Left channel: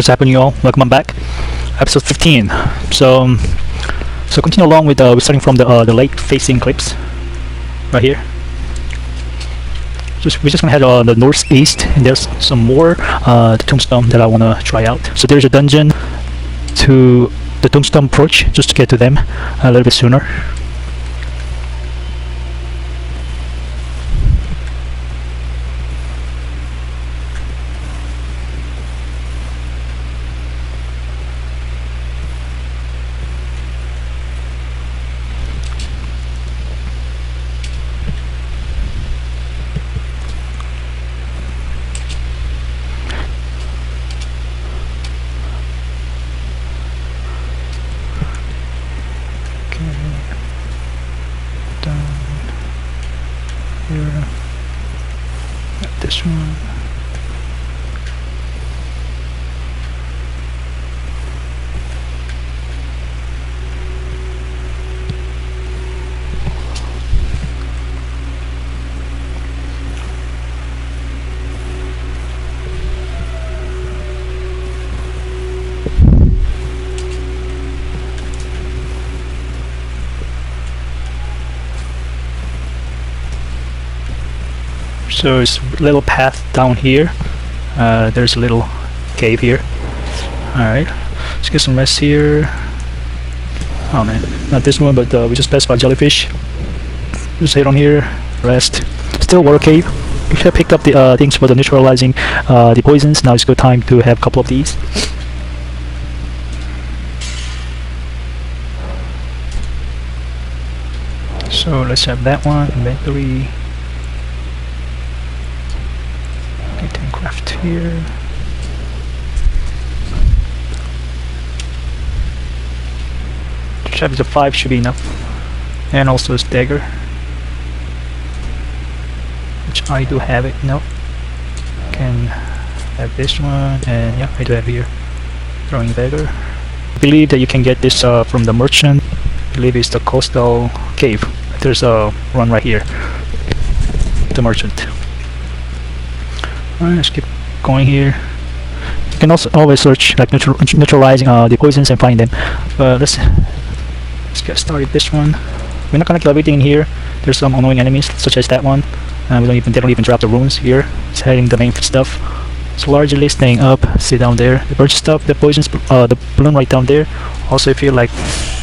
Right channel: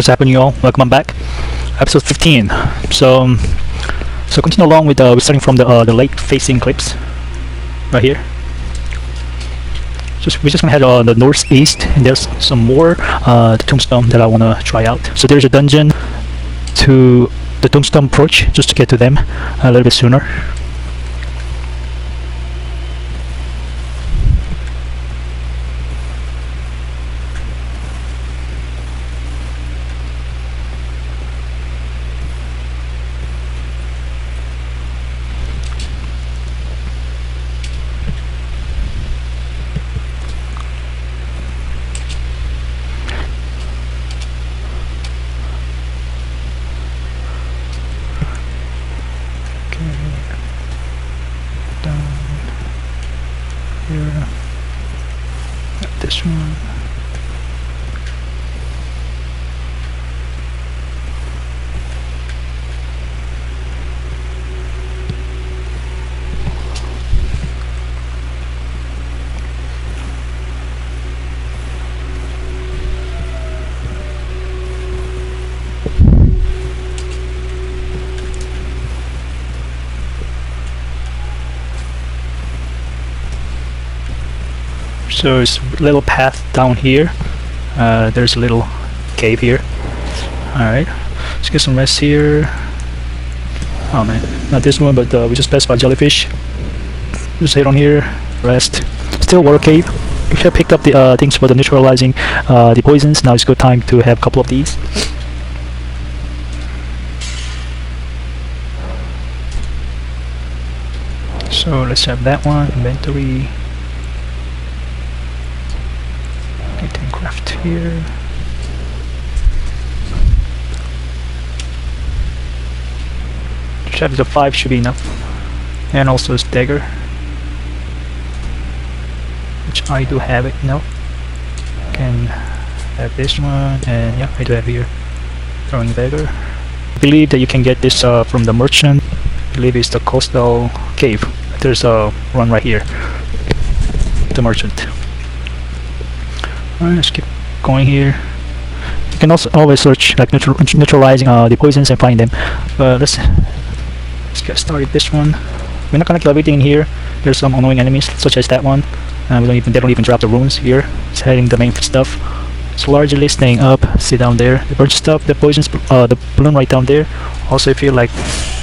What's happening, y'all? Welcome back. Episode 15. So continue along with starting from the lake-facing cliffs right here. We're just gonna head on the northeast, and there's some more the tombstone that I wanna try out. So there's a dungeon to the tombstone approach, just to get to them a little bit sooner. This one. So there's a little path down here. There's a little cave here. Alright, let's get some rest here. Oh man, not this one, but we just passed by jellyfish. Just head on here, rest. Still water cave. We have picked up the things for the neutralizing the poisons. Now it's good time to have a couple of these. So let's have that one, inventory. Craft here. Chapter 5 should be enough. And also a dagger, which I do have it. No, can have this one, and yeah, I do have here from dagger. I believe that you can get this from the merchant. I believe it's the coastal cave. There's a one right here. The merchant. Alright, let's keep going here. You can also always search like neutralizing the poisons and find them. Let's get started this one. We're not gonna kill everything in here. There's some annoying enemies such as that one. They don't even drop the runes here. It's heading the main stuff. It's largely staying up. See down there. The bird stuff, the poisons, the balloon right down there. Also, if you like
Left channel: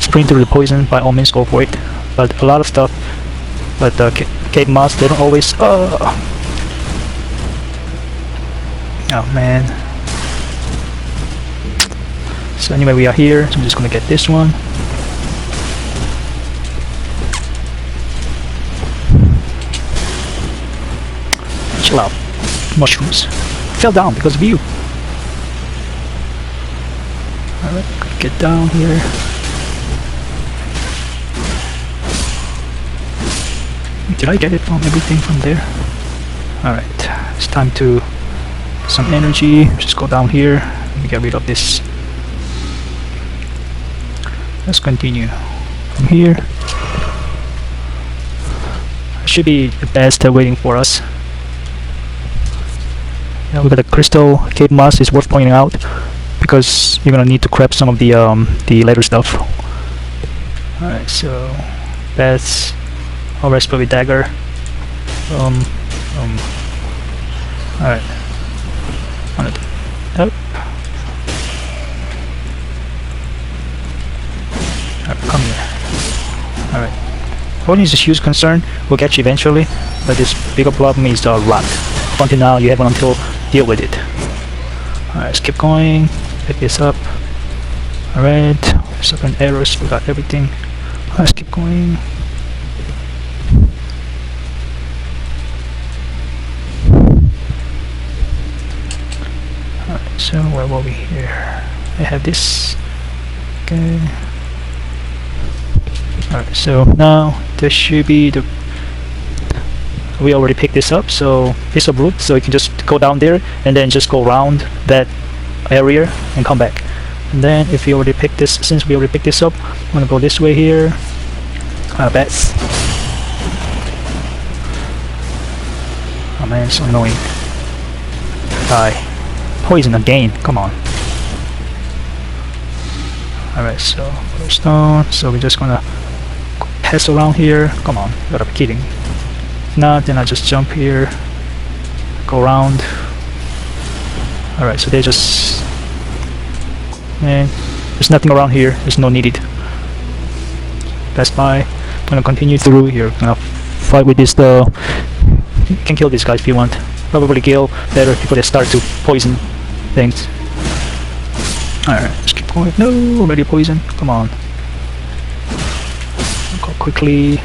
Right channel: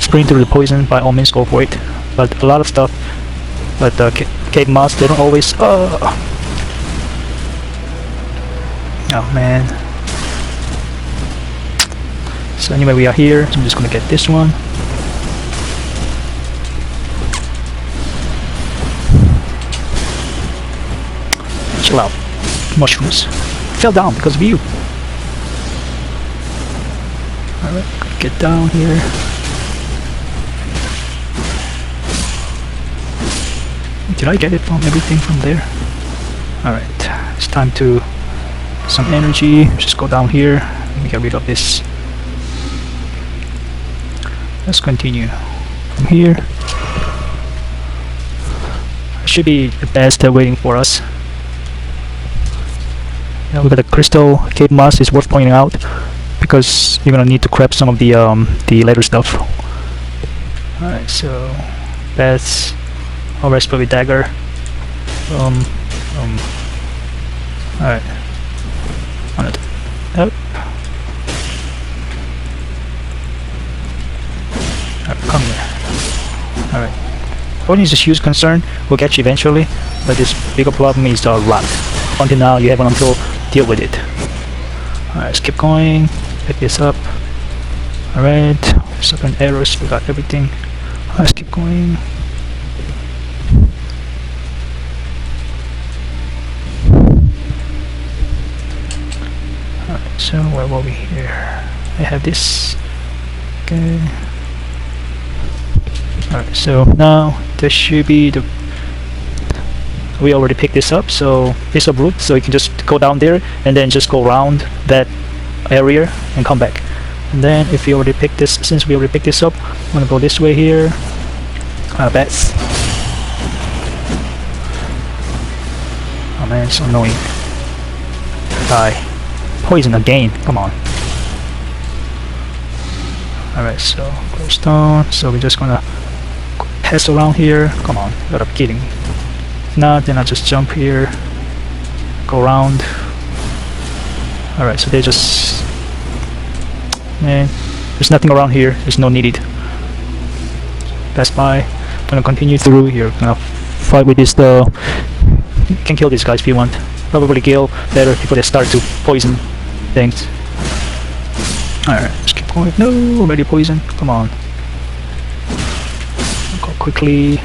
spraying through the poison, by all means go for it. But a lot of stuff like the cave moss, they don't always. Oh man. So anyway, we are here, so I'm just gonna get this one. Chill out. Mushrooms. I fell down because of you. Get down here. Did I get everything from there? Alright, it's time to some energy. Just go down here and get rid of this. Let's continue from here. Should be the best waiting for us. Yeah, we got a crystal cave moss is worth pointing out because you're gonna need to grab some of the later stuff. Alright, so that's a rest with dagger. Alright. Alright. What is a huge concern? We'll get you eventually, but this bigger problem is luck. Until now, you haven't to deal with it. Alright, let's keep going. Pick this up. Alright. Second arrows, we got everything. Let's keep going. So where were we here? I have this. Okay. Alright, so now this should be the. We already picked this up, so it's a route, so you can just go down there and then just go around that area and come back. And then if we already picked this, since we already picked this up, I'm gonna go this way here. Bats. Oh man, it's annoying. Die. Poison again, come on. Alright, so stone. So we're just gonna pass around here. Come on, gotta be kidding. No, then I just jump here, go around. Alright, so they just, man, there's nothing around here. There's no needed. Pass by. Gonna continue through here. Gonna fight with this. You can kill these guys if you want. Probably kill better people that start to poison things. Alright, let's keep going. No, already poison. Come on. Go quickly.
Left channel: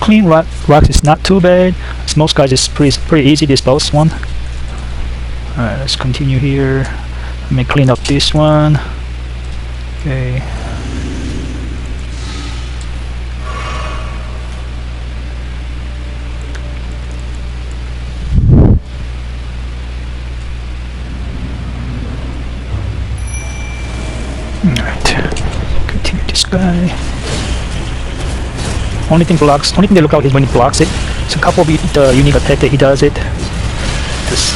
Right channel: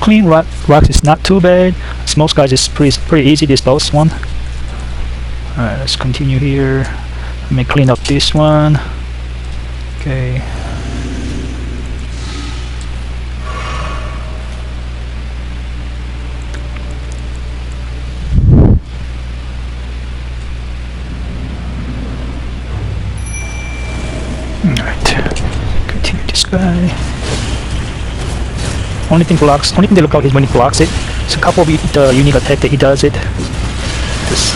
Clean rocks is not too bad. Small guys is pretty easy to dispose one. Alright, let's continue here. Let me clean up this one. Okay. Continue this guy. Only thing to look out is when it blocks it. It's a couple of unique attack that he does it. This,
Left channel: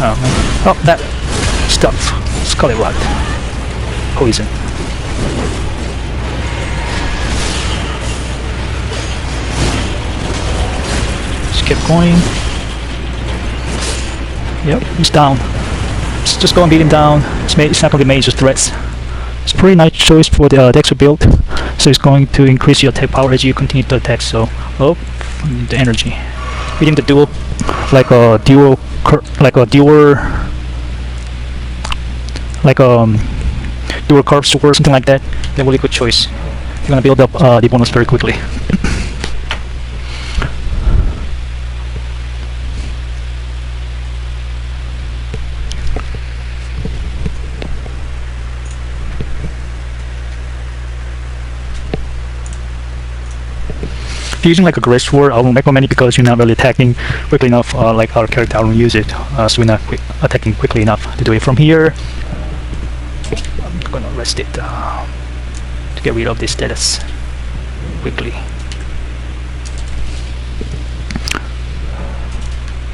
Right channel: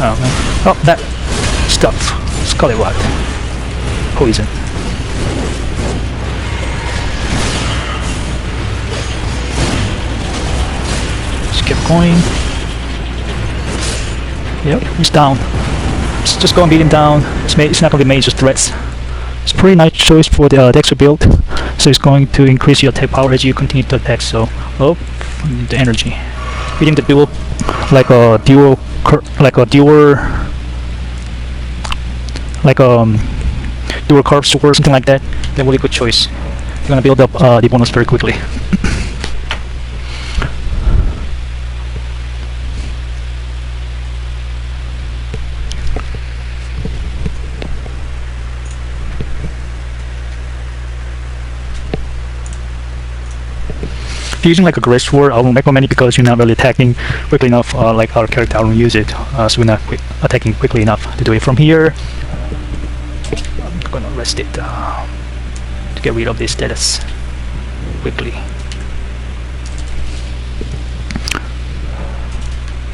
oh, that stuff. Let's call it what? Poison. Just keep going. Yeah, he's down. Just go and beat him down. It's not going to be major threats. It's a pretty nice choice for the texture build. So it's going to increase your attack power as you continue to attack. So, oh, the energy. Hitting the dual, like a dual curve sword or something like that. A really good choice. You want to build up the bonus very quickly. Using like a great sword, I won't recommend it because you're not really attacking quickly enough. Like our character, I won't use it, so we're not attacking quickly enough to do it from here. I'm gonna rest it to get rid of this status quickly.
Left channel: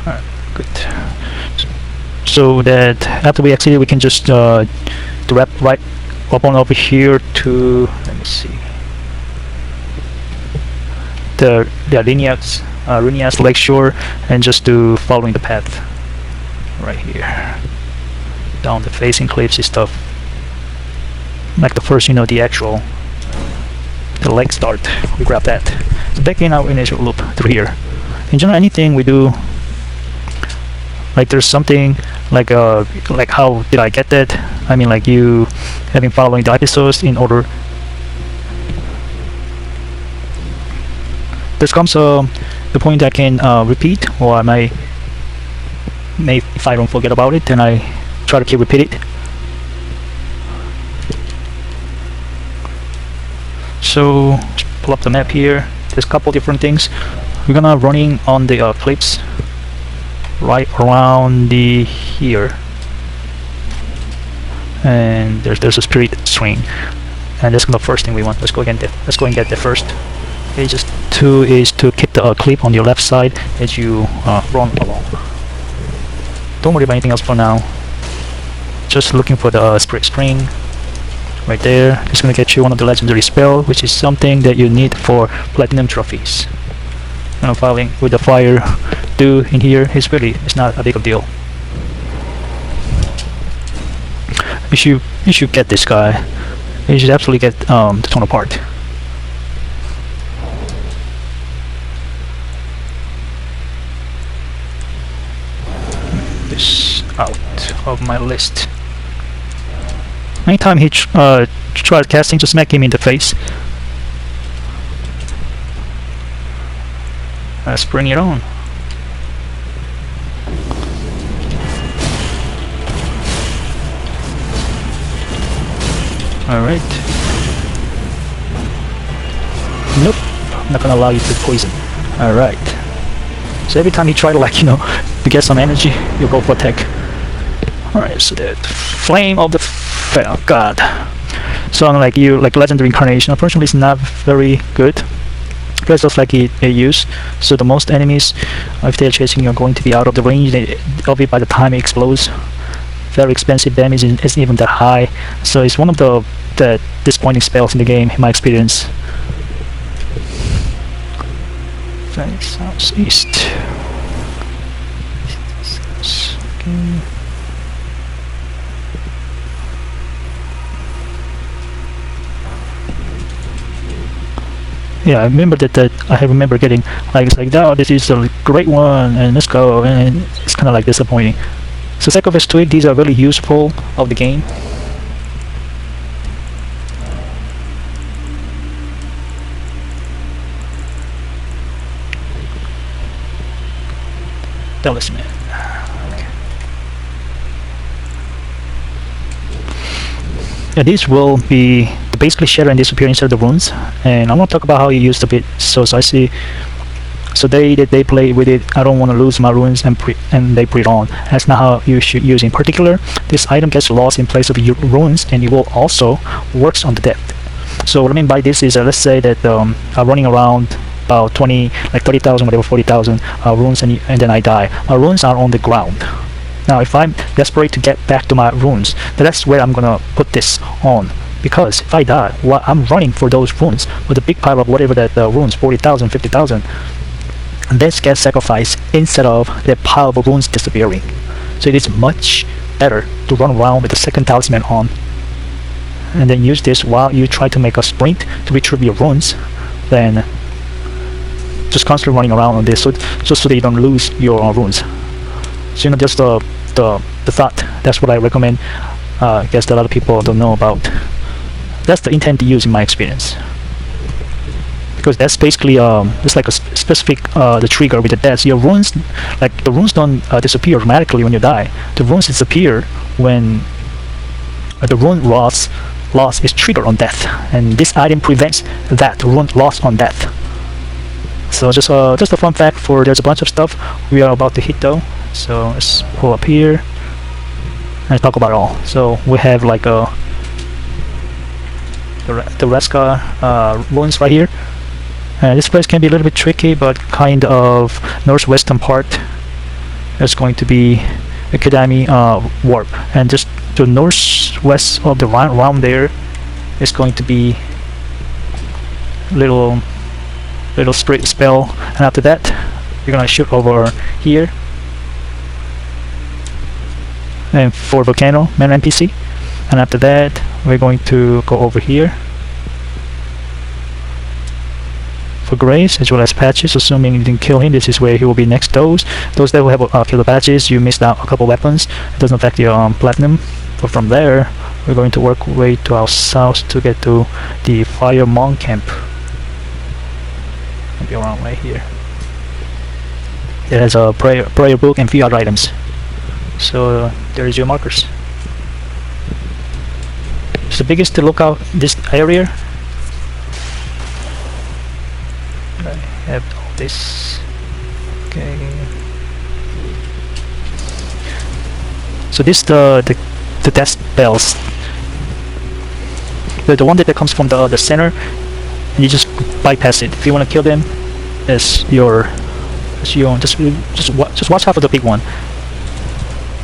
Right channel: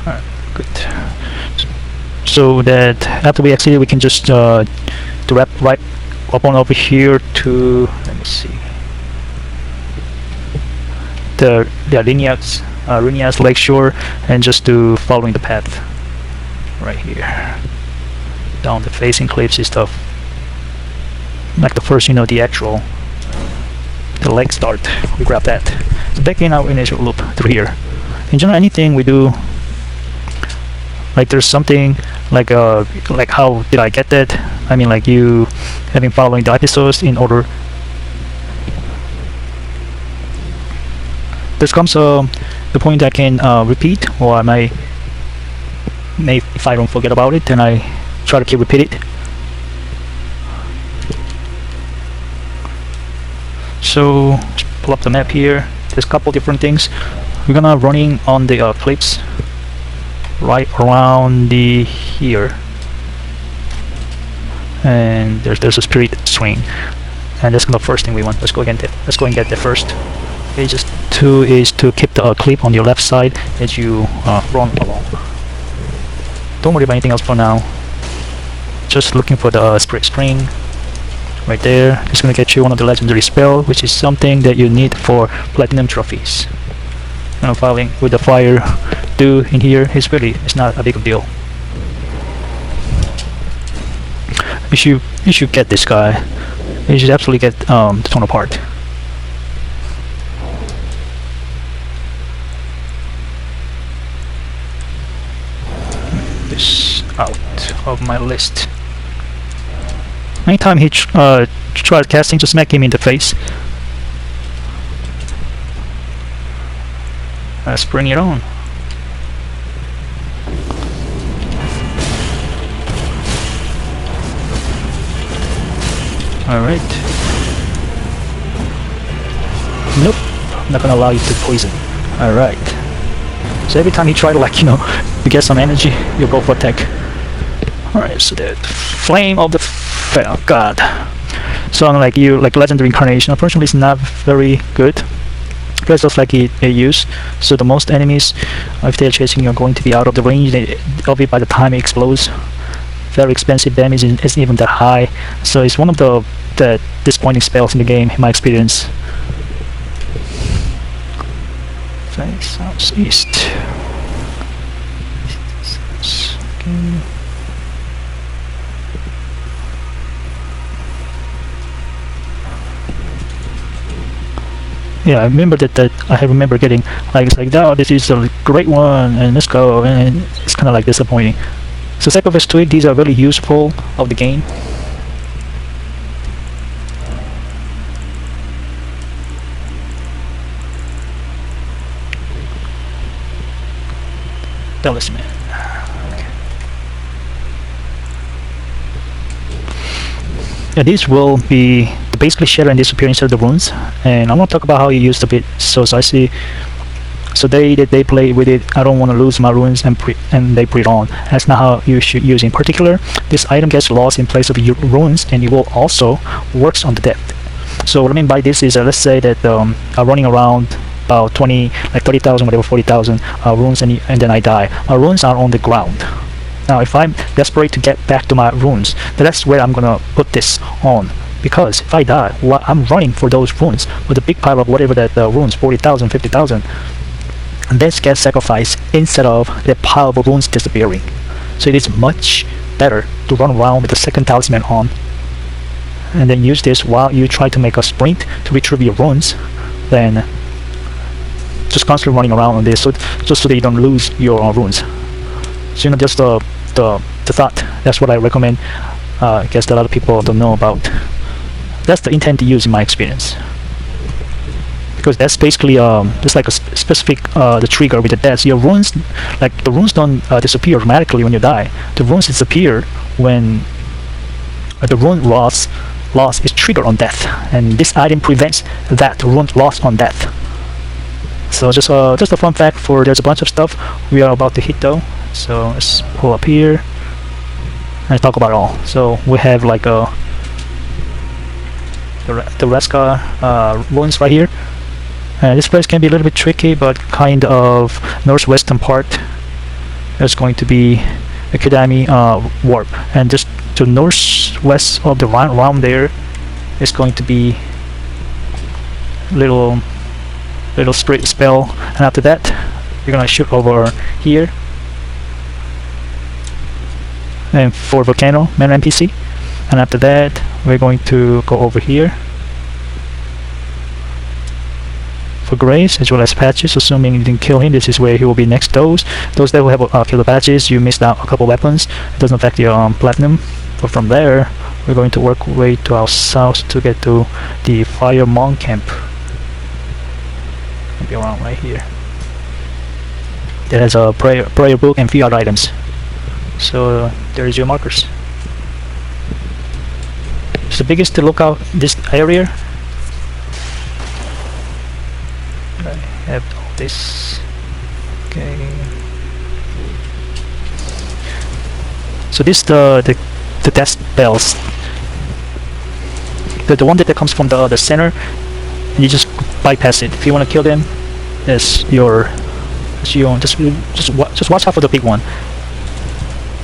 Alright, good. So that after we exit, we can just direct right up on over here to, let me see, the Liurnia's lakeshore, and just do following the path right here down the facing cliffs and stuff. Like the first, the lake start, we grab that. So back in our initial loop through here. In general, anything we do, like there's something like how did I get that? I mean, like you having following the episodes in order. This comes the point that I can repeat, or I may if I don't forget about it, then I try to keep repeating. So pull up the map here. There's a couple different things. We're gonna running on the cliffs right around here, and there's a spirit swing, and that's the first thing we want. Let's go and get the first. Phase 2 is to keep the clip on your left side as you run along. Don't worry about anything else for now. Just looking for the spirit spring right there. It's gonna get you one of the legendary spell, which is something that you need for platinum trophies. Following with the fire do in here is it's not a big of a deal. You should get this guy. You should absolutely get the tonal part. This out of my list. Anytime he tries casting, just smack him in the face. Let's bring it on. Alright. Nope, not gonna allow you to take poison. Alright. So every time you try to get some energy, you go for attack. Alright, so that flame of the oh god. So unlike you, like legendary incarnation, unfortunately it's not very good. because just like they use. So the most enemies, if they're chasing you, are going to be out of the range of it by the time it explodes. Very expensive damage isn't even that high, so it's one of the disappointing spells in the game, in my experience. Southeast. Yeah, I remember that. I remember getting like, it's like, oh, this is a great one, and let's go, and it's kind of like disappointing. So sacrifice to it, these are very useful of the game. That was me. Yeah, these will be basically shatter and disappear inside the runes, and I'm gonna talk about how you use the bit. So I see. So they play with it. I don't want to lose my runes, and they put it on. That's not how you should use it. In particular, this item gets lost in place of your runes, and it will also works on the depth. So what I mean by this is, let's say that I'm running around about 20, like 30,000, whatever, 40,000 runes, and then I die. My runes are on the ground. Now, if I'm desperate to get back to my runes, then that's where I'm gonna put this on. Because if I die, well, I'm running for those runes with a big pile of whatever that runes, 40,000, 50,000. And this can sacrifice instead of the pile of runes disappearing. So it is much better to run around with the second talisman on, and then use this while you try to make a sprint to retrieve your runes, than just constantly running around on this just so that you don't lose your runes. So just the thought. That's what I recommend. I guess a lot of people don't know about. That's the intent to use in my experience. Because that's basically it's like a specific the trigger with the death. Your runes, like the runes don't disappear automatically when you die. The runes disappear when the rune loss is triggered on death, and this item prevents that rune loss on death. So just a fun fact. For there's a bunch of stuff we are about to hit though. So let's pull up here and talk about it all. So we have like the Raskar runes right here. And this place can be a little bit tricky, but kind of northwestern part. That's going to be Academy Warp, and just to northwest of the round there is going to be little spirit spell, and after that you're gonna shoot over here, and for Volcano, an NPC, and after that we're going to go over here for Grace as well as Patches. Assuming you didn't kill him, this is where he will be next. Those that will have after the Patches, you missed out a couple weapons. It doesn't affect your platinum. But from there we're going to work our way to our south to get to the Fire Monk camp. I'll be around right here. There is a prayer book and few other items. So there is your markers. It's the biggest to look out this area. I have all this. Okay. So this the test bells. The one that comes from the center. You just bypass it. If you want to kill them, that's your. Just watch out for the big one.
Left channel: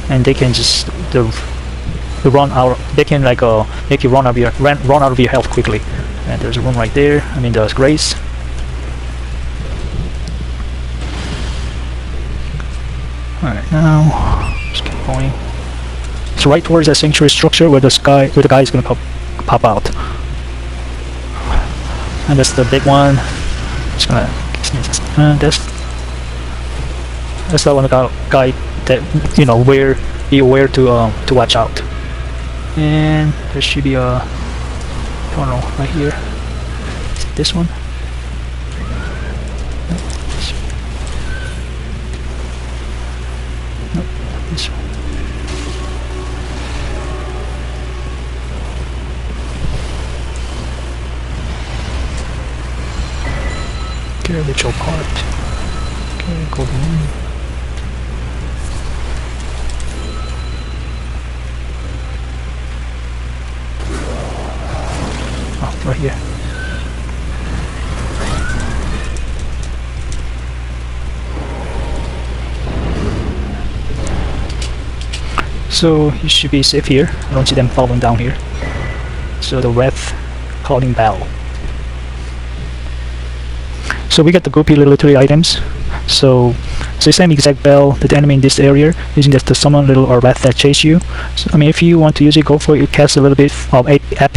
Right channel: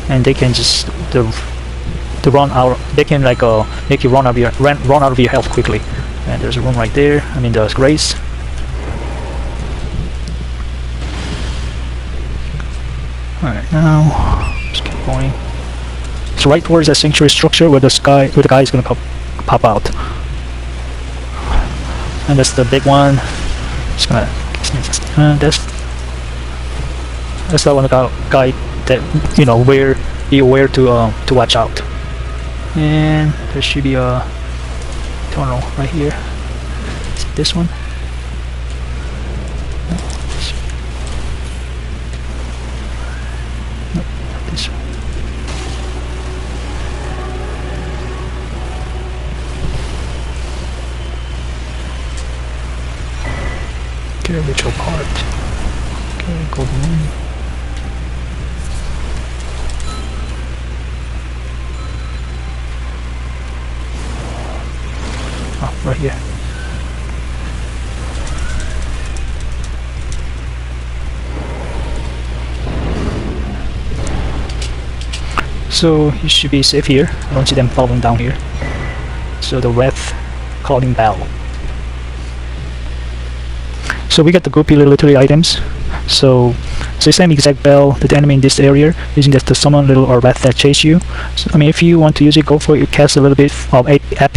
And they can just the run out. They can like make you run out of your health quickly. And there's a room right there. I mean, there's Grace. Alright, now just keep going. It's right towards that sanctuary structure where the guy is gonna pop out. And that's the big one. Just gonna that's the one guy that where to watch out. And there should be a tunnel right here. Is it this one? Nope, this one. The neutral part. Okay, good. Right here. So you should be safe here. I don't see them falling down here. So the Wrath calling bell. So we get the goopy little literary items. So it's the same exact bell that the enemy in this area using this to summon little or Wrath that chase you. So I mean, if you want to use it, go for it. It casts a little bit of AP.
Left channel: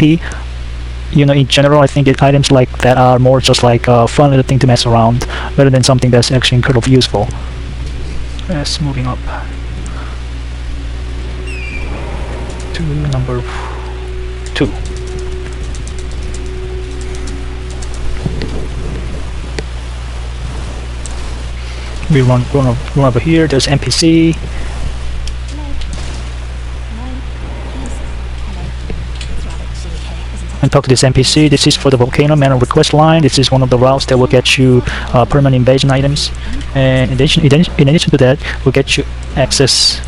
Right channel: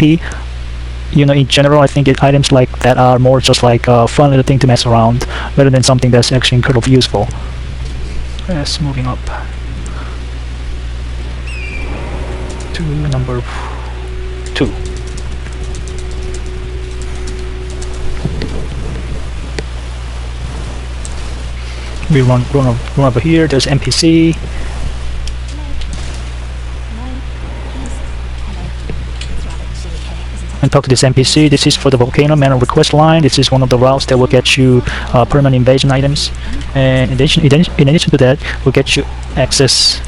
You know, in general, I think items like that are more just like a fun little thing to mess around, rather than something that's actually incredibly useful. Yes, moving up to number 2. We run over here. There's NPC. And talk to this NPC. This is for the volcano man of the quest line. This is one of the routes that will get you permanent invasion items. And in addition to that, will get you access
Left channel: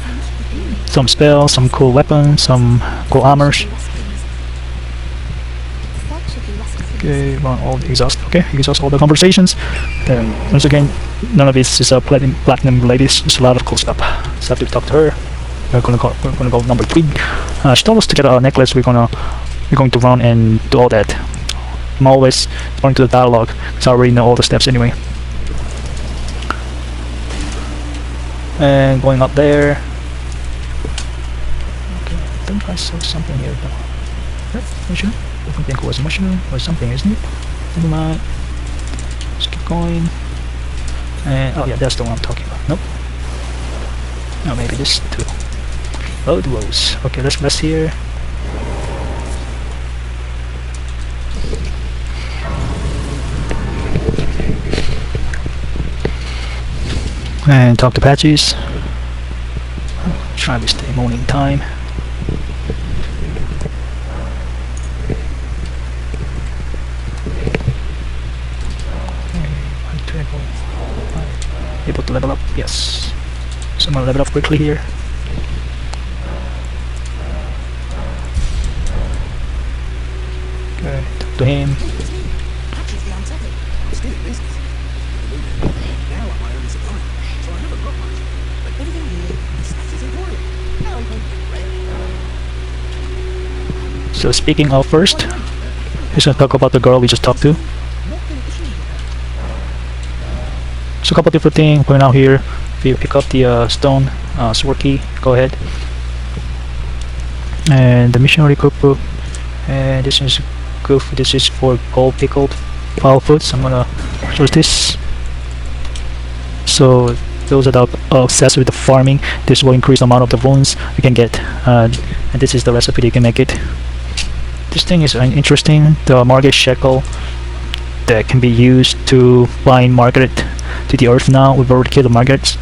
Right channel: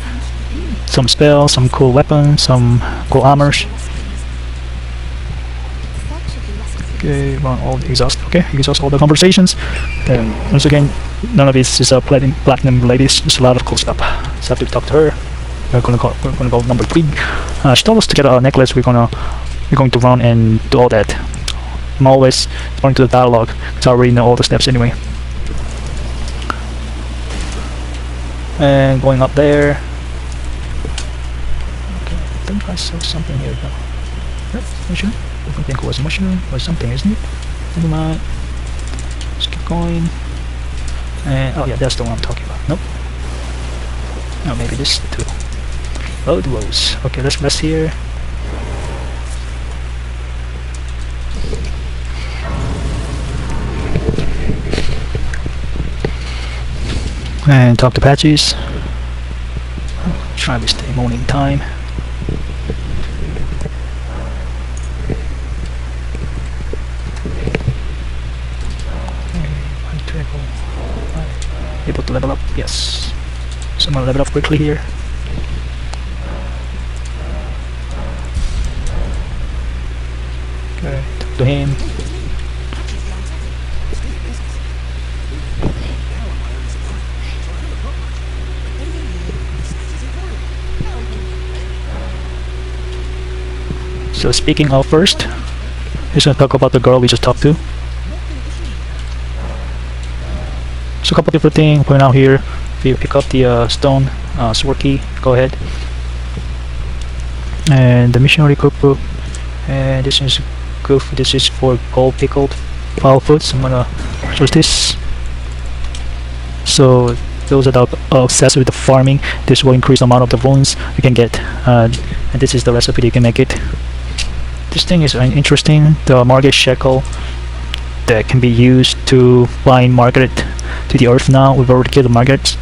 some spells, some cool weapons, some cool armors. Okay, run all the exhaust. Okay, exhaust all the conversations. Okay, once again, none of this is platinum related. There's a lot of good stuff. So I have to talk to her. We're gonna go number 3. She told us to get a necklace. We're going to run and do all that. I'm always going to the dialogue, so I already know all the steps anyway. And going up there. Okay, I think I saw something here though. Yep, not sure. I think it was a mushroom or something, isn't it? Maybe not. Let's keep going. And oh yeah, that's the one I'm talking about. Nope. Oh, maybe this too. Oh, those. Okay, let's rest here. And talk to patches. Try to stay morning time. Able to level up? Yes. So I'm gonna level up quickly here. Okay, talk to him. So speaking of first, let's talk about the girl we just talked to. So a couple different things going out here. We pick up the stone sword key. Go ahead. And the missionary cookbook. And this is good for this is for gold pickled wild foods. I'm gonna choose this. So those that are obsessed with the farming, this will increase the amount of the runes we can get. And this is the recipe you can make it. This thing is interesting. The Margaret Shekel that can be used to bind Margaret to the earth now. We've already killed the Margarets.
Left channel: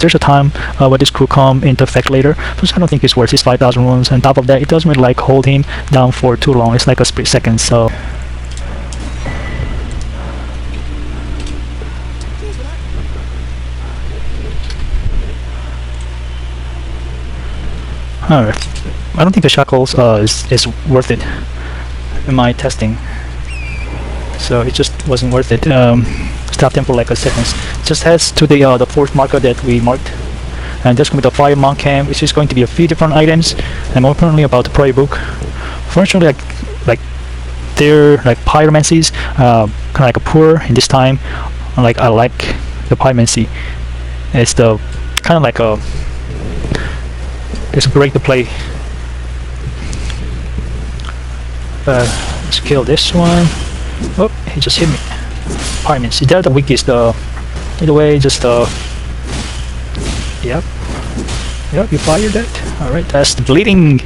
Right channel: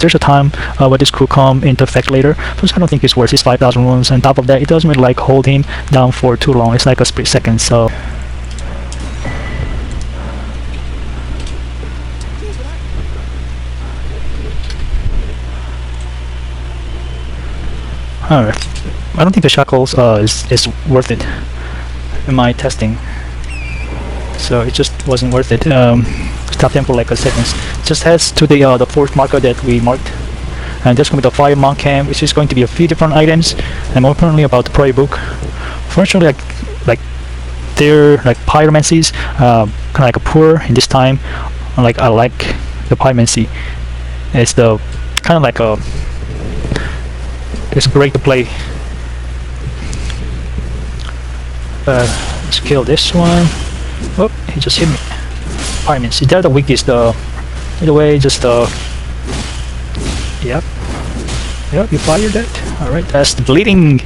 There's a time where this could come into effect later, but I don't think it's worth his 5,000 runes. On top of that, it doesn't really like hold him down for too long. It's like a split second, so. Alright. I don't think the shackles is worth it in my testing. So it just wasn't worth it. Stop them for like a second. Just heads to the fourth marker that we marked. And that's going to be the fire monk camp, which is going to be a few different items. And more apparently about the prayer book. Fortunately, like they're like pyromancies, kind of like a poor in this time. Like I like the pyromancy. And it's the kind of like a. It's great to play. Let's kill this one. Oh, he just hit me. Pardon me. See, then the weak is the. Anyway, just the. Yep. Yep, you fired that. Alright, that's bleeding.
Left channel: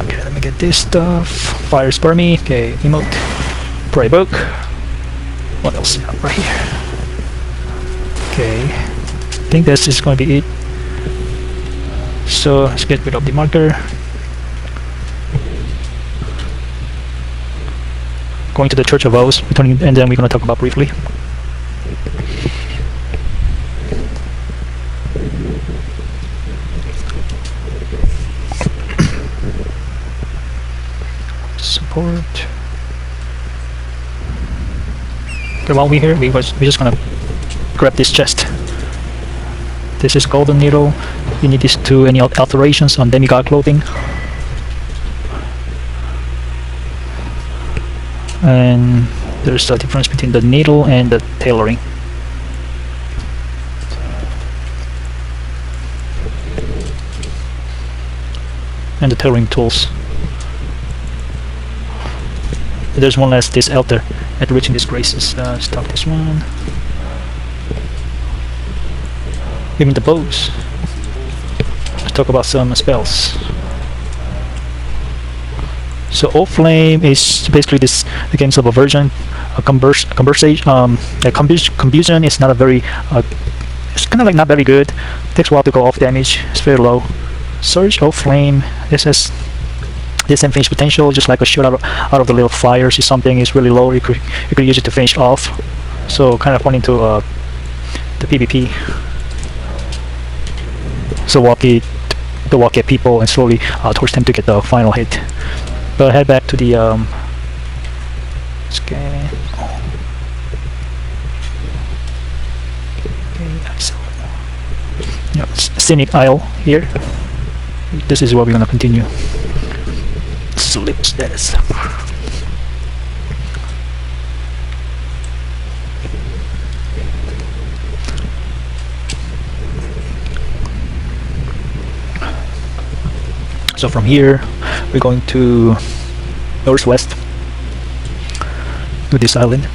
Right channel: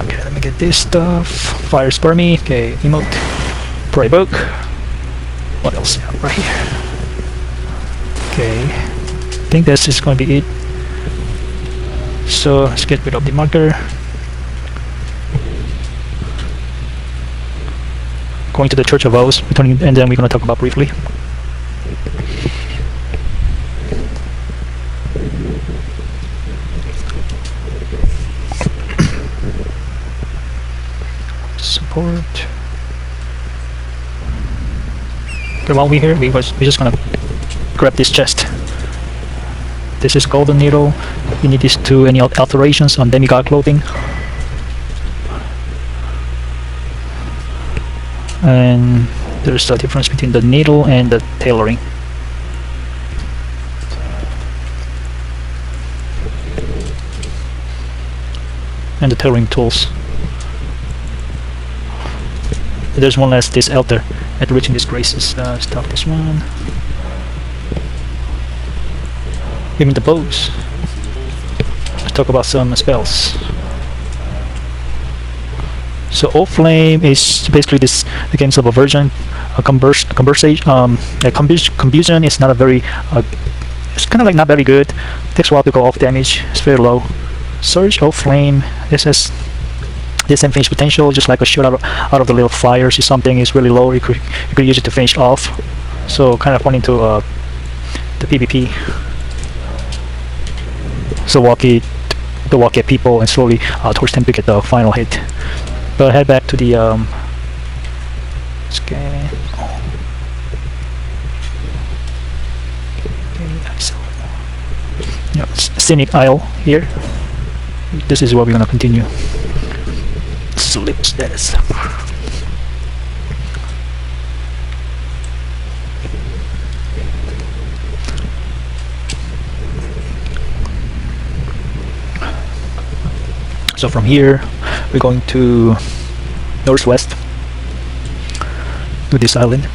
Okay, let me get this stuff. Fire spermy. Okay, emote. Pray book. What else is over here? Okay. I think that's just going to be it. So let's get rid of the marker. Going to the Church of O's, returning, and then we're going to talk about briefly. Support. Okay, while we're just going to grab this chest. This is golden needle. You need this to any alterations on demigod clothing. And there's a difference between the needle and the tailoring. And the tailoring tools. There's one last this elder at reaching these graces. Stop this one. Even the bows. Let's talk about some spells. So Old Flame is basically this again sort of a version. Combustion is not a very it's kind of like not very good. Takes a while to go off damage. It's very low. Surge Old Flame. This has this same finish potential, just like a shot out of the little fires. If something is really low, you could use it to finish off. So kind of pointing to the PvP. So walk at people and slowly torch them to get the final hit. But head back to the scan. Yeah, scenic aisle here. This is what we're gonna continue. Slip status. So from here, we're going to northwest to this island.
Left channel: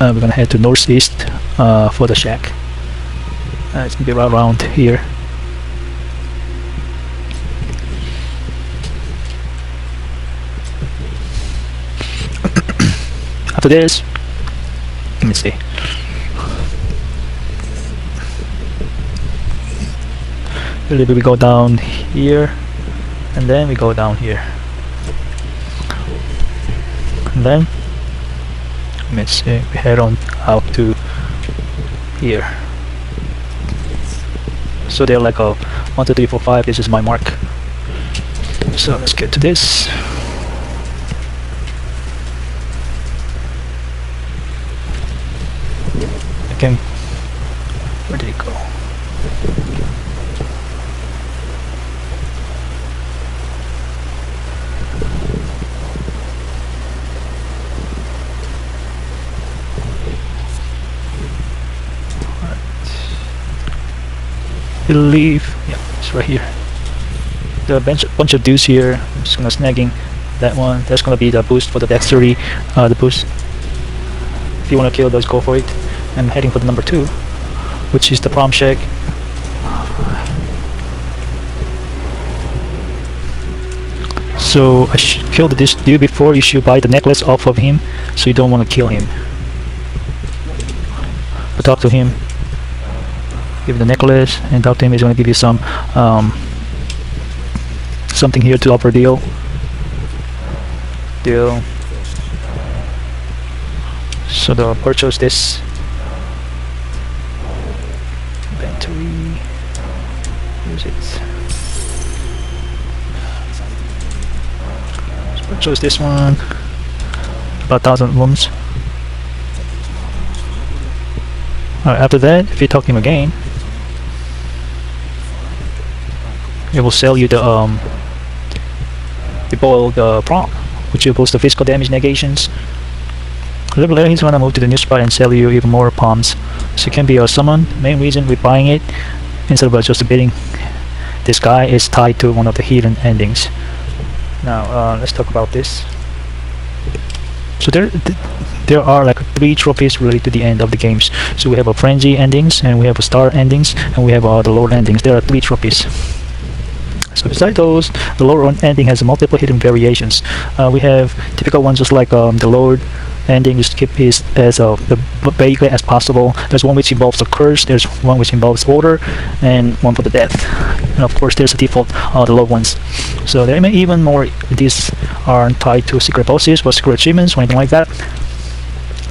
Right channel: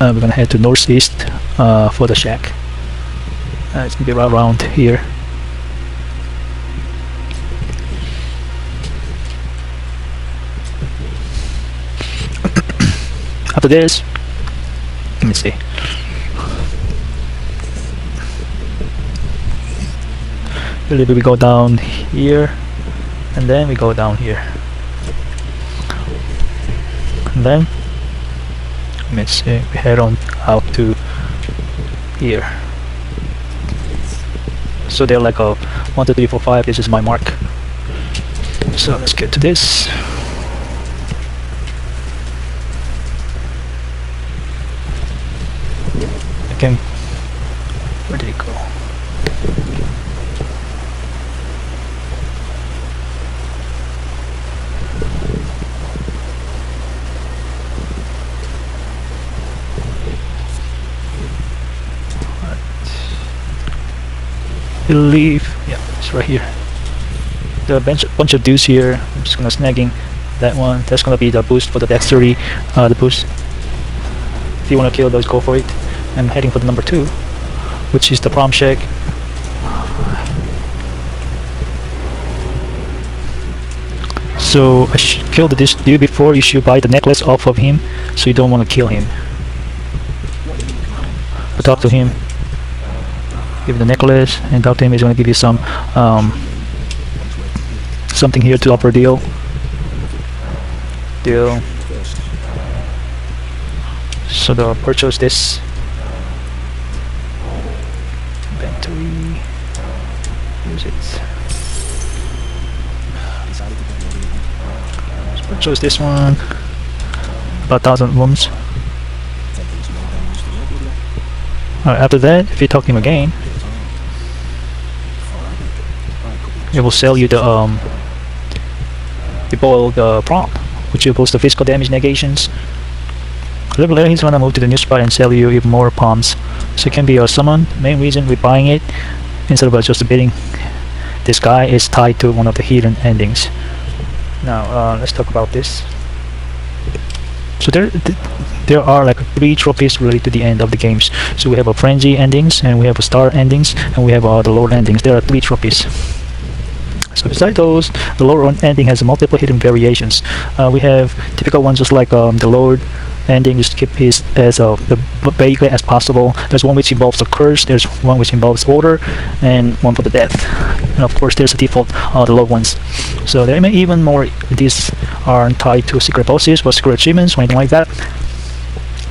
We're gonna head to northeast for the shack. It's gonna be right around here. After this, let me see. Really, we go down here, and then we go down here, and then let me see. We head on out to here. So they're like 1, 2, 3, 4, 5. This is my mark. So let's get to this. Okay, where did it go? I believe, yeah, it's right here. There are a bunch of dudes here. I'm just gonna snagging that one. There's gonna be the boost for the next 30. The boost. If you wanna kill those, go for it. I'm heading for the number 2, which is the prom fig. So I should kill this dude before you should buy the necklace off of him, so you don't want to kill him. But talk to him, give him the necklace, and talk to him. He's going to give you some something here to offer deal. So the purchase this. Purchase this one, about 1,000 wounds. Alright, after that, if you talk to him again, it will sell you the prompt, which will boost the physical damage negations. A little later, he's gonna move to the new spot and sell you even more palms. So it can be a summon. Main reason we're buying it instead of just bidding. This guy is tied to one of the hidden endings. Now let's talk about this. So there are like 3 trophies related to the end of the games. So we have a frenzy endings, and we have a star endings, and we have the lord endings. There are 3 trophies. So besides those, the lord ending has multiple hidden variations. We have typical ones just like the lord ending is keep things as vague as possible. There's one which involves a curse, there's one which involves order, and one for the death. And of course there's a default the low ones. So there may even more. These aren't tied to secret bosses or secret achievements or anything like that.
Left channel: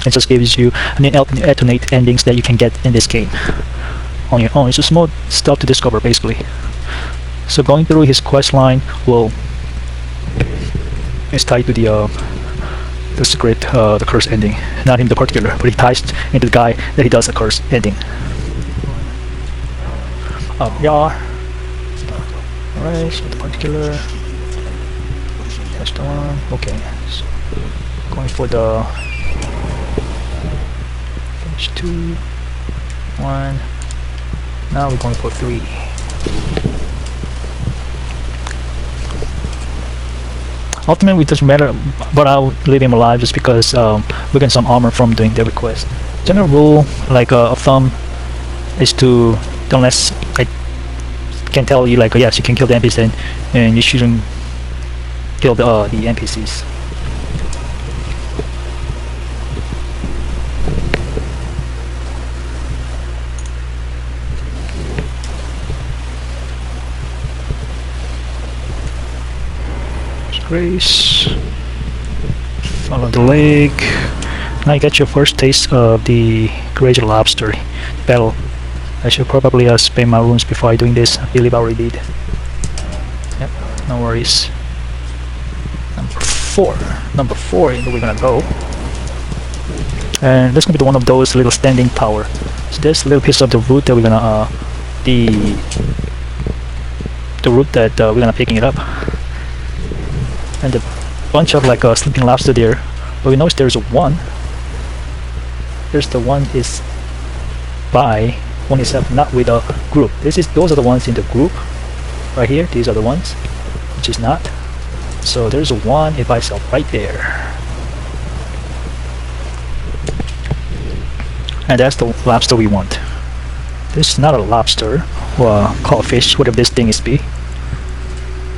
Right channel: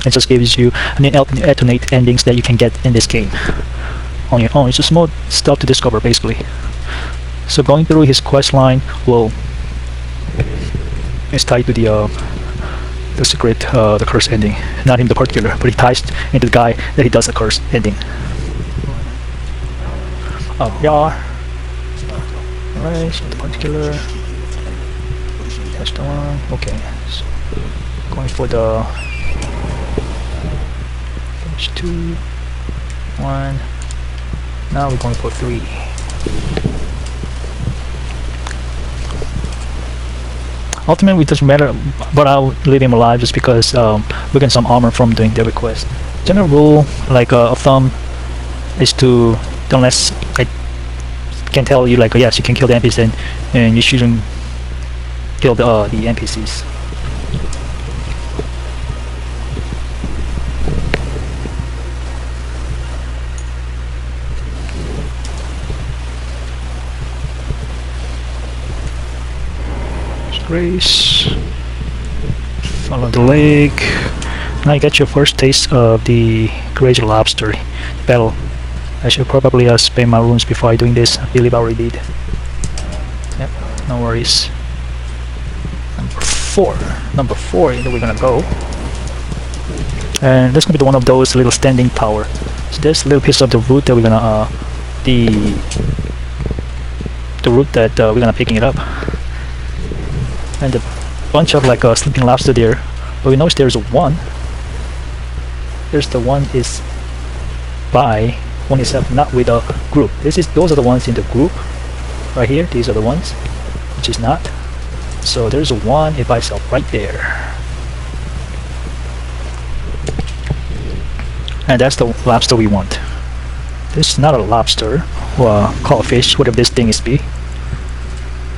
It just gives you an alternate endings that you can get in this game on your own. It's just more stuff to discover basically. So going through his quest line is tied to the secret, the curse ending. Not him the particular, but he ties into the guy that he does a curse ending. Oh, we are. Alright, so the particular. That's the one. Okay. Going for the. Page 2. 1. Now we're going for 3. Ultimately, it doesn't matter, but I'll leave him alive just because we get some armor from doing the request. General rule, like a thumb, is to, unless I can tell you, like, yes, you can kill the NPC, and you shouldn't kill the NPCs. Grace over the lake. Now you got your first taste of the crazy lobster battle. I should probably spam my runes before doing this. I believe I already did. Yep, no worries. Number four, here we gotta go. And this gonna be one of those little standing tower. So there's a little piece of the root that we're gonna the root that we're gonna picking it up. And a bunch of like sleeping lobster there, but we notice there's one. There's the one is by one itself, not with a group. Those are the ones in the group right here. These are the ones, which is not. So there's a one by itself right there, and that's the lobster we want. This is not a lobster or a crawfish, whatever this thing is be.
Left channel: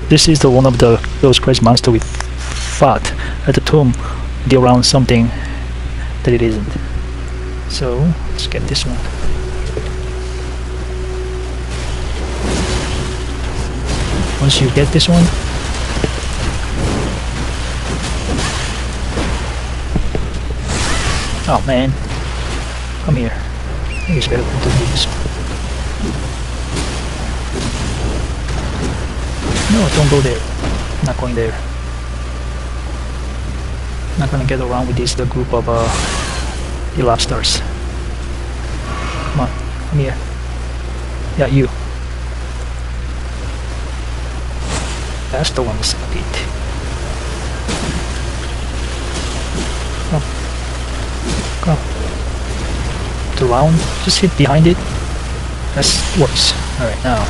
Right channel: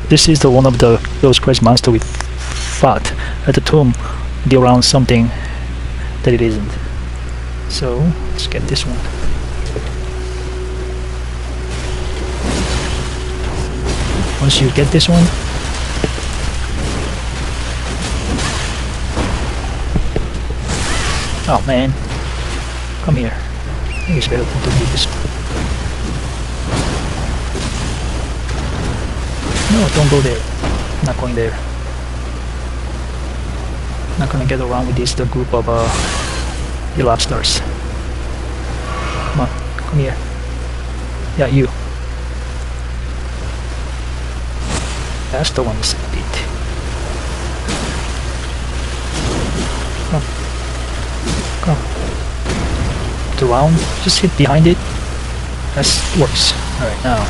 This is the one of those crazy monsters we fought at the tomb. Be around something that it isn't. So let's get this one. Once you get this one, oh man, come here. It's better to do this one. Don't go there. Not going there. Not gonna get around with the group of the lobsters. Come on, come here. Yeah, you. That's the one who's beat. Oh. It's around. Just hit behind it. That works. Alright, now.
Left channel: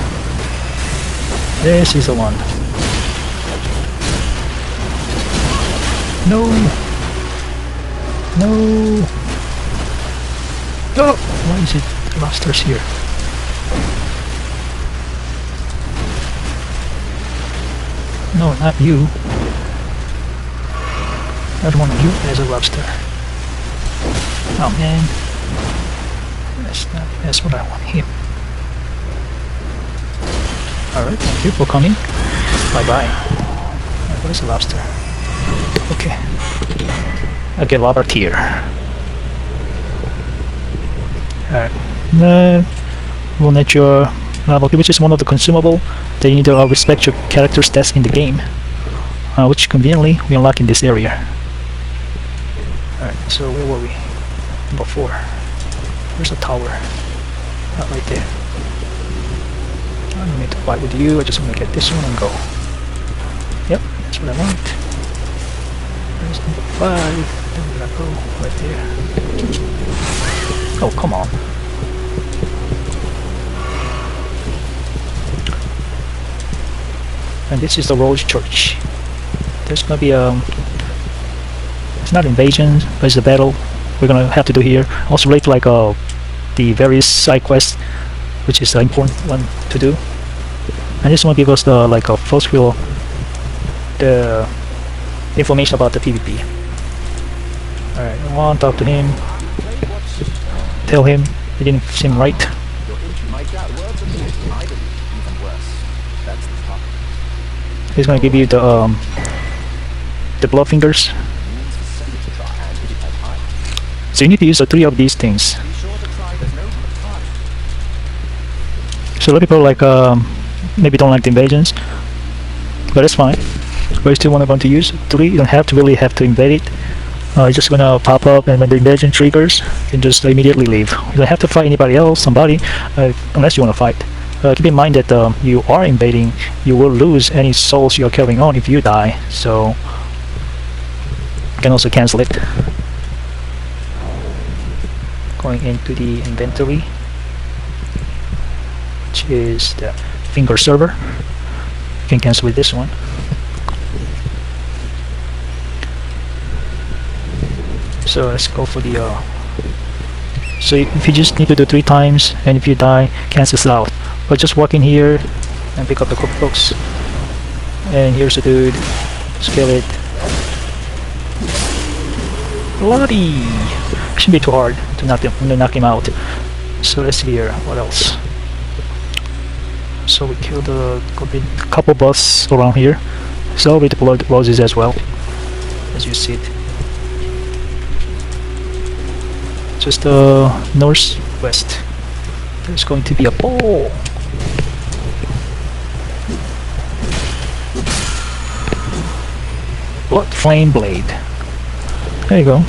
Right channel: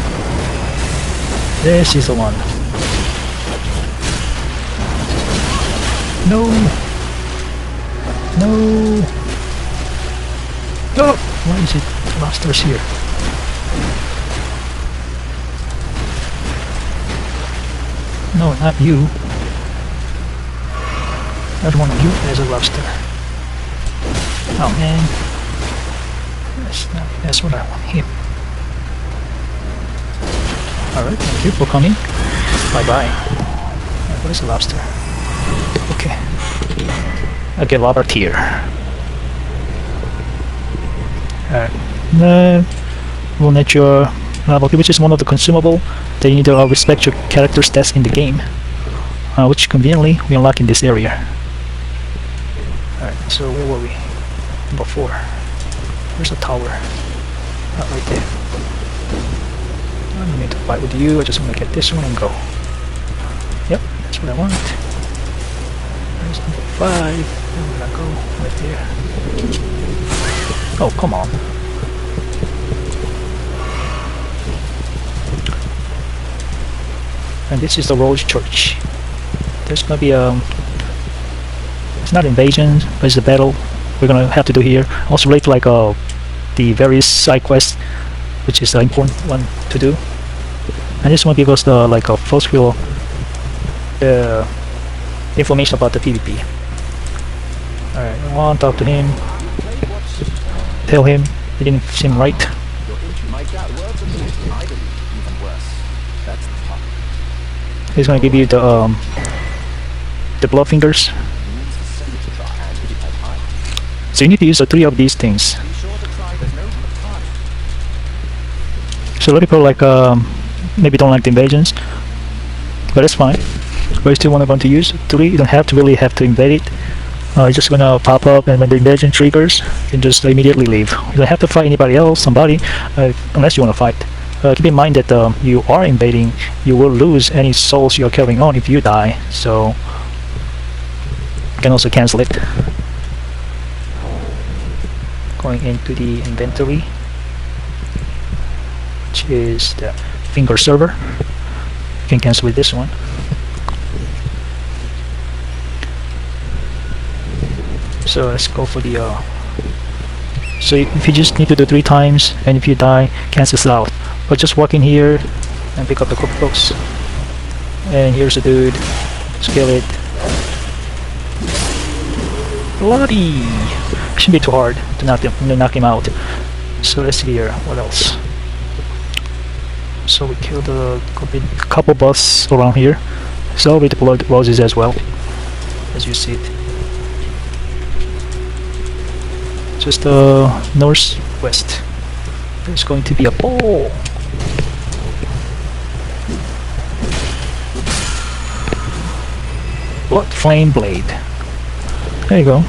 This is the one. No! No! No! Why is it? The lobster's here. No, not you. There's one here. There's a lobster. Oh man. That's what I want. Him. Alright, thank you for coming. Bye bye. Where's the lobster? Okay. Okay, Robert here. Alright. We'll let your level, which is one of the consumable that you need to respect your character's stats in the game, which conveniently we unlock in this area. Alright, so where were we? Number 4. Where's the tower? Right there. I don't need to fight with you, I just want to get this one and go. Yep, that's what I want. Where's number 5? There we go, right there. Oh, come on. And this is the Rose Church. There's gonna be it's not invasion, but it's a battle we're gonna have to do here. Also relate to like the various side quests, which is an important one to do. And this one give us the like a first feel the information about the PvP. Alright, I want to talk to him. Tell him it didn't seem right. He's gonna give you the blood fingers. So you need to use the 3 of these things. So a lot of people like maybe don't like the invasions, but that's fine. But you still want to go to use 3. You don't have to really have to invade it. It's just gonna pop up, and when the invasion triggers, you can just immediately leave. You don't have to fight anybody else, somebody, unless you want to fight. keep in mind that you are invading, you will lose any souls you're carrying on if you die, so you can also cancel it. Going into the inventory, which is the finger server. You can cancel with this one. So let's go for the so if you just need to do 3 times, and if you die, cancels out. I'll just walk in here and pick up the cockroach. And here's the dude. Scale it. Bloody! Shouldn't be too hard to knock him out. So let's see here. What else? So we killed a couple boss around here. So we deployed roses as well, as you see it. Just northwest. There's going to be a pole. Blood flame blade. There you go.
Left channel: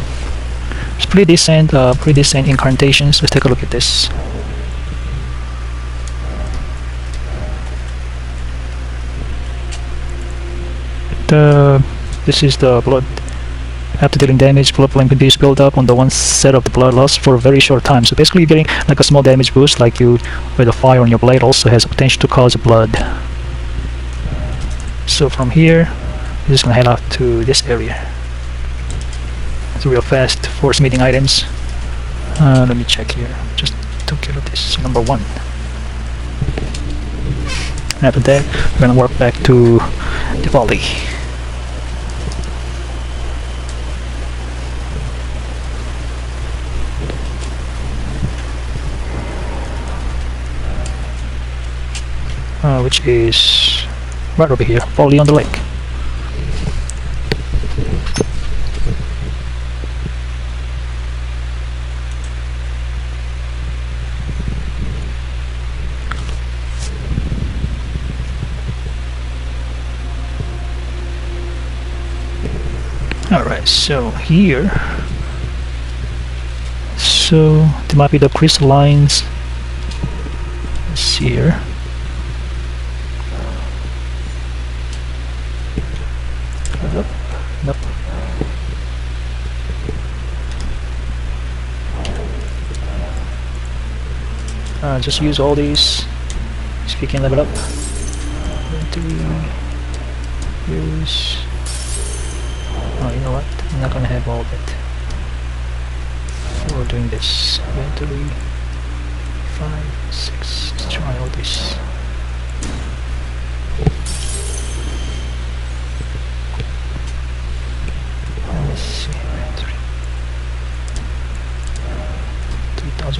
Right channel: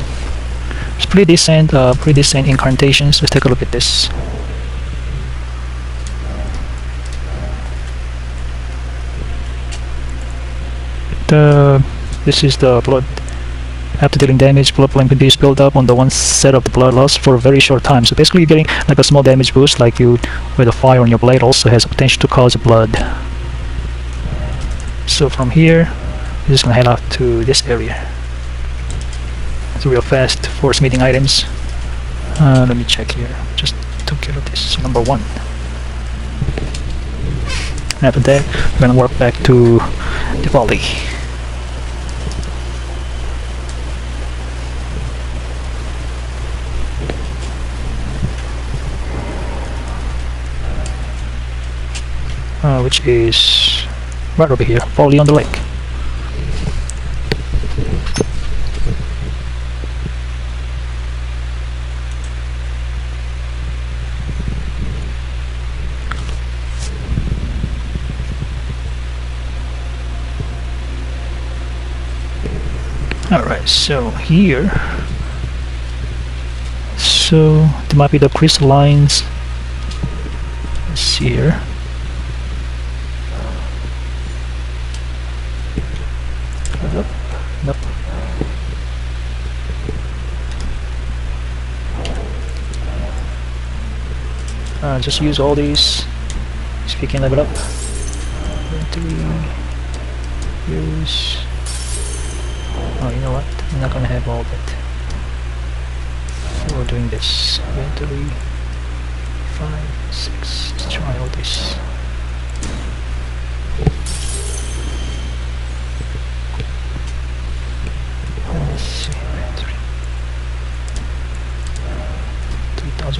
It's pretty decent incantations. Let's take a look at this. This is the blood. After dealing damage, blood flame continues to build up on the one set of the blood loss for a very short time. So basically you're getting like a small damage boost, like you with a fire on your blade also has the potential to cause blood. So from here, we're just gonna head out to this area. It's real fast for smithing items. Let me check here. Just to give it this number 1. After that, I'm gonna walk back to the valley. Which is right over here, probably on the lake. Alright, so here, so there might be the crystallines. Let's see here. Nope. Just use all these. Just picking that up. Use. Oh, you know what? I'm not gonna have that. So we're doing this. 3, 5, 6. Let's try all these.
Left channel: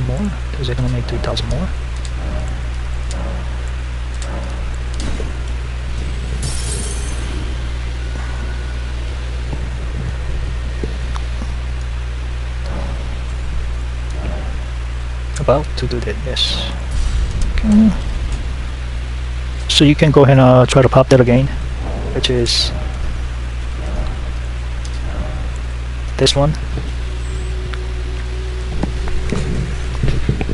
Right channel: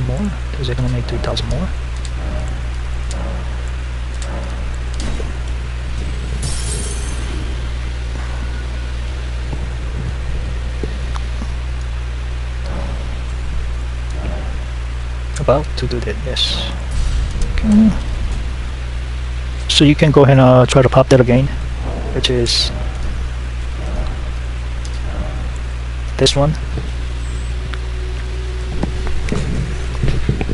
More? Is it gonna make 3,000 more? About to do that, yes. Okay. So you can go ahead and try to pop that again, which is this one.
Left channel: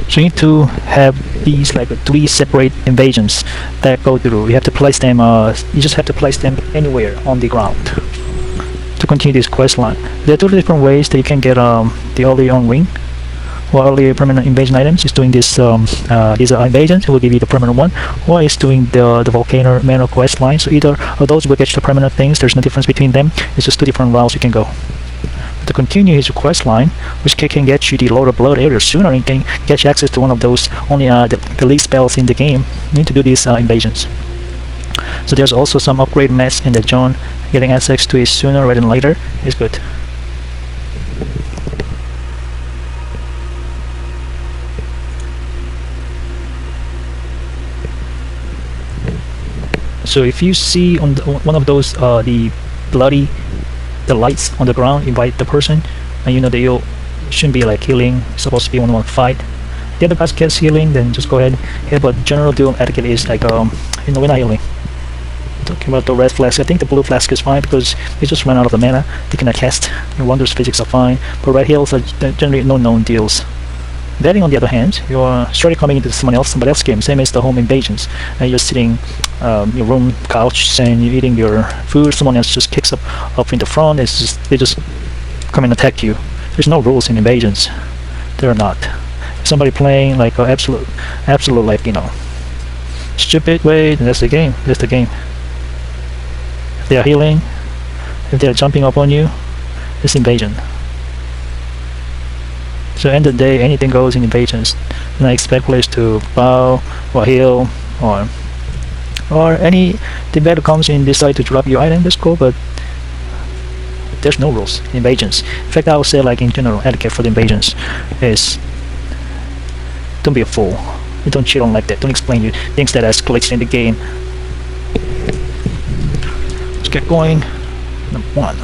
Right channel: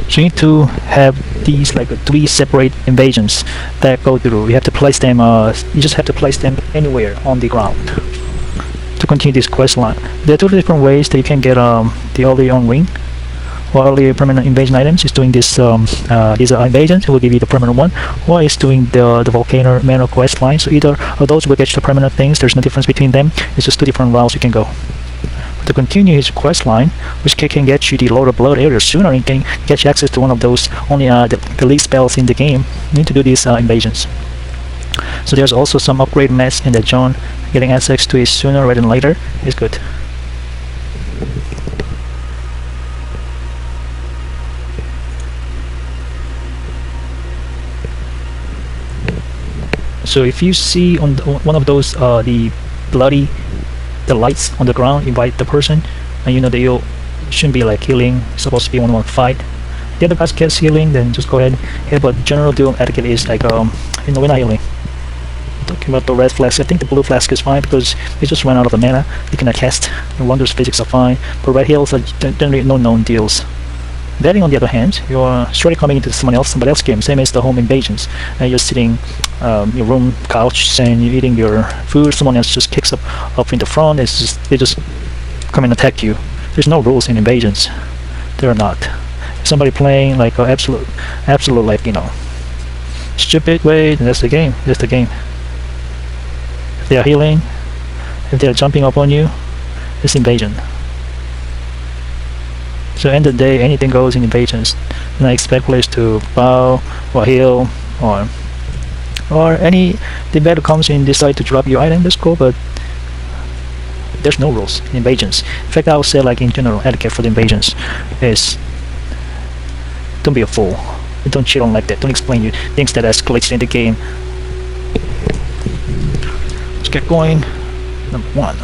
So you need to have these like 3 separate invasions that go through. You have to place them. You just have to place them anywhere on the ground to continue this quest line. There are 2 different ways that you can get the Liurnia ring. While the permanent invasion items is doing this. These are invasions. It will give you the permanent one. Or is doing the volcano manor quest line. So either of those will get the permanent things. There's no difference between them. It's just 2 different routes you can go. To continue his quest line, which can get you the Lord of Blood area sooner, and can get you access to one of those only the least spells in the game. You need to do these invasions. So there's also some upgradedness in the John. Getting access to it sooner rather than later is good. So if you see on one of those the lights on the ground, invite the person, and you know that you shouldn't be like healing. It's supposed to be 1-on-1 fight. The other guys gets healing, then just go ahead and hit. But general doom etiquette is like we're not healing. Talking about the red flask, I think the blue flask is fine because we just run out of the mana. They can attest. And Wonders physics are fine, but red heals are generally no known deals. Then on the other hand, you're surely coming into somebody else's game, same as the home invasions, and you're sitting your room couch and you're eating your food. Someone else just kicks up in the front. They just come and attack you. There's no rules in invasions. There are not. Somebody playing like an absolute like stupid way. That's the game. That's the game. If they are healing, if they're jumping up on you, it's invasion. So end of the day, anything goes in invasions. And I expect players to bow or heal or anything that comes in decide to drop your item. That's cool, but there's no rules in invasions. In fact, I would say like in general etiquette for the invasions is don't be a fool. Don't cheat on like that. Don't explain you things that escalates in the game. Let's get going. Number 1.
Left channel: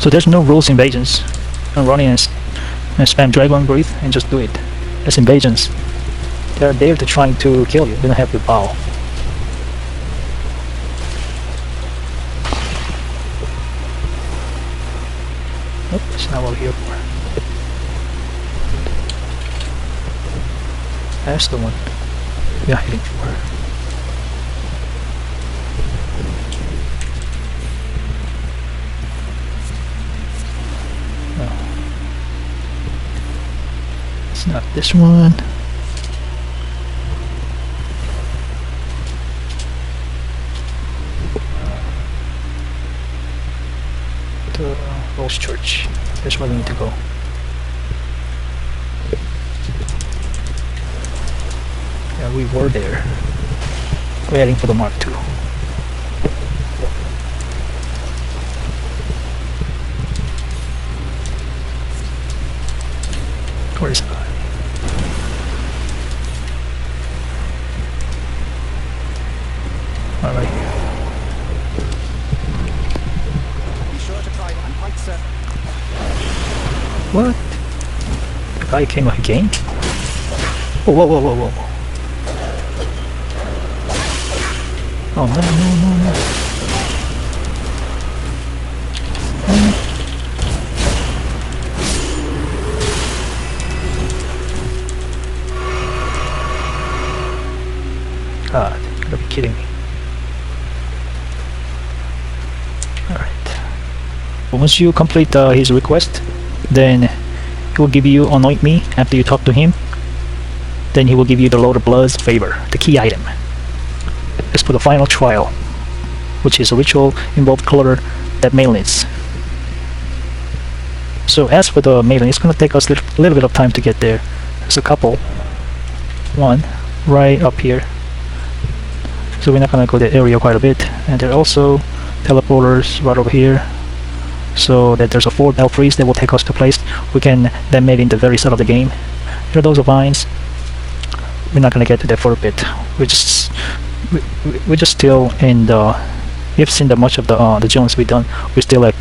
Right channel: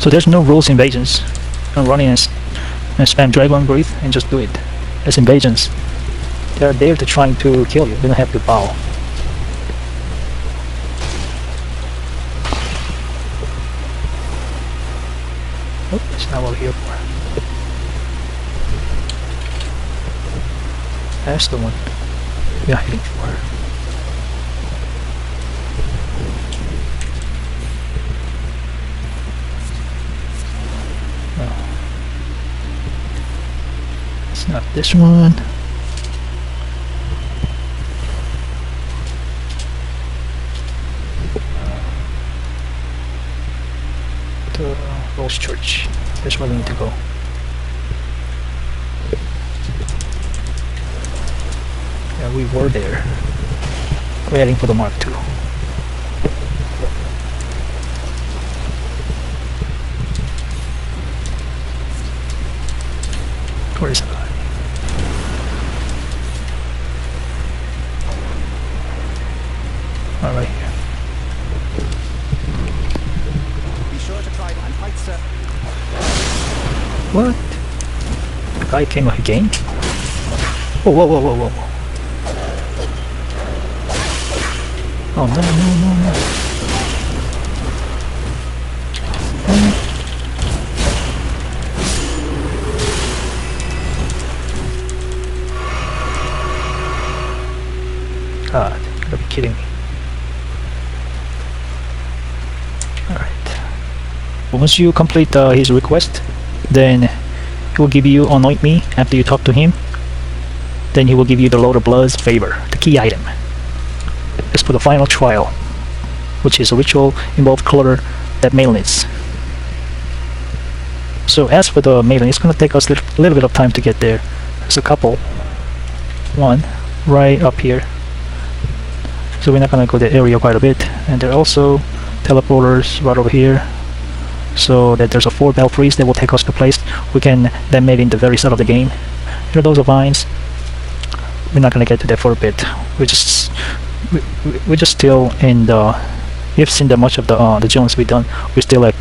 So there's no rules invasions. I'm running and spam dragon breathe and just do it. That's invasions. They're there to trying to kill you. They don't have to bow. Oh, it's not over here. That's the one. Yeah, I think. Not this one. Where's church? Which one we need to go? Yeah, we were there. We're heading for the Mark 2. Where is it? Right here. What? The guy came like a game? Whoa, whoa, whoa, whoa, whoa. Oh, no, no, no, no. God, you gotta be kidding me. Once you complete his request, then he will give you anoint me after you talk to him. Then he will give you the Lord of Blood's favor, the key item. As for the final trial, which is a ritual involved color that Mail needs. So as for the Maiden, it's gonna take us a little bit of time to get there. There's a couple. One right up here. So we're not gonna go that area quite a bit. And there are also teleporters right over here. So that there's a 4 bell priest that will take us to a place we can then make in the very start of the game. Here are those vines. We're not gonna get to that for a bit. We're just still in the. You've seen that much of the jones we've done. We're still at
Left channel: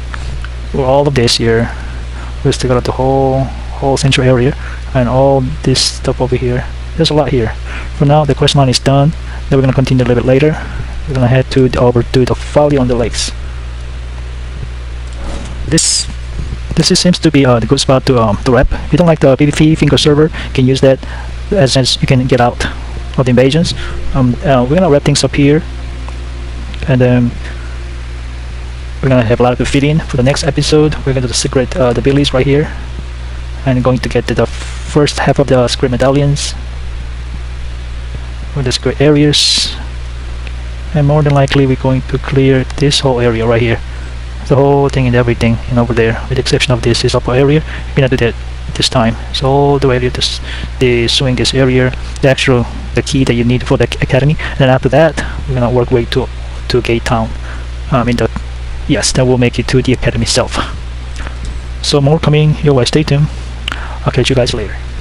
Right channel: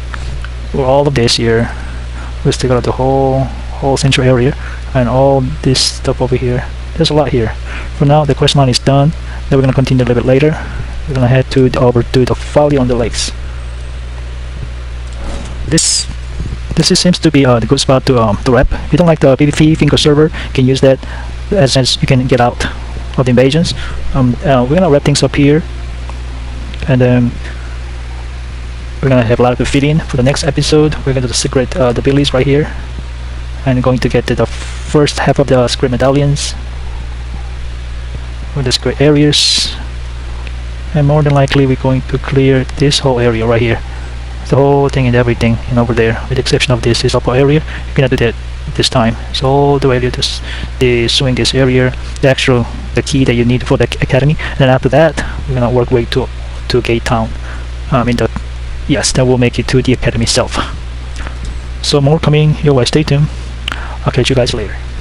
all of this here. We're still got the whole central area and all this stuff over here. There's a lot here. For now, the quest line is done. Then we're gonna continue a little bit later. We're gonna head over to the valley on the lakes. This seems to be the good spot to rep. If you don't like the PvP Finger server, you can use that as you can get out of the invasions. We're gonna wrap things up here, and then we're gonna have a lot to fit in for the next episode. We're gonna do the secret the Billies right here, and going to get to the first half of the secret medallions with the secret areas, and more than likely we're going to clear this whole area right here. The whole thing and everything, and over there, with the exception of this is upper area. We're gonna do that this time. So all the way to the swingers area, the key that you need for the academy. And then after that, we're gonna work way to Gate Town. Yes, that will make it to the academy itself. So more coming your way. Stay tuned. I'll catch you guys later.